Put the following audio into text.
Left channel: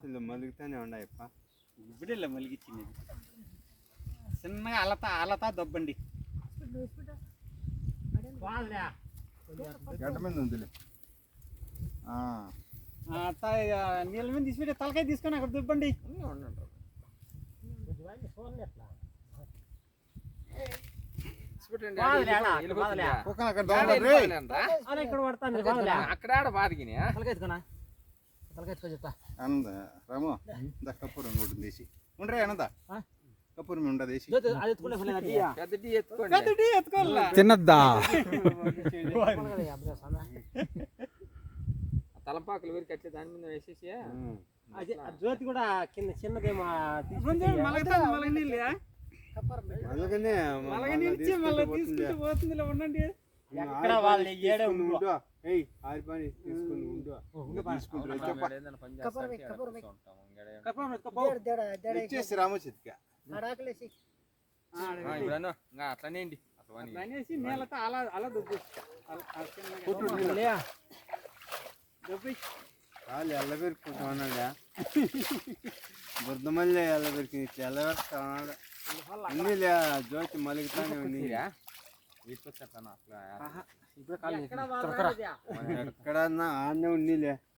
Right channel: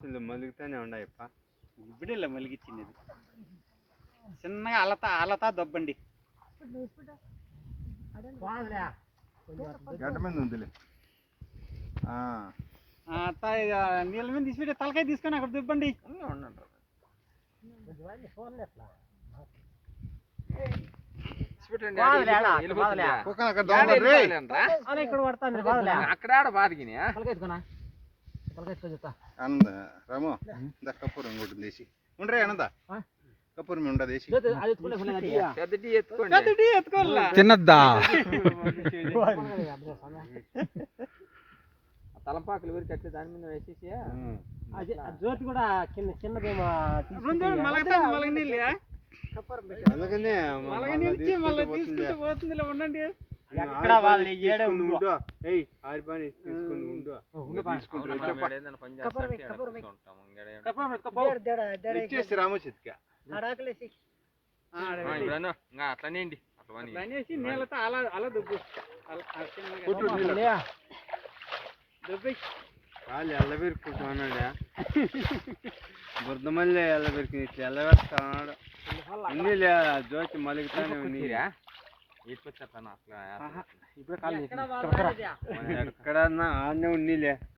మలుగుతానే ఉన్నాయప్ప. ఇప్పుడే మలిగిచ్చింది చిన్నగా అలతా దబ్బండి గడ్డ మీద ఉందిలే. నీళ్ళ మీద తీసుకుంటే తలకాయ తీసుకొని అక్కడ దుబ్బండి. అక్కడ బాధకినా అనంద రాము కపూరం కూడా దేశీ ఉండ్రే అనంద కపూరం ఉండ దేశీ చిన్నద్దా తలంపాకులు ఊరికి వచ్చే దాని మీద వేసేసి జ్యోతి కూడా కింద చిన్నదేమో ఉండండి. ఎక్కడ వాళ్ళు ఏడే రామచిత్క అట్లనే అనేసి నీళ్ళతో అలా అలా దుబ్బు వాళ్ళు ఎల్లబెరుకున్నాడా బురదమల్లి ఎల్లబెరికి ఎల్లబెరుకున్నాడు అన్నీ జ్యోతి మలుగుతానే ఉంది. ఎక్కడ ఎక్కడన్నా ఆనే ఉన్నీలే.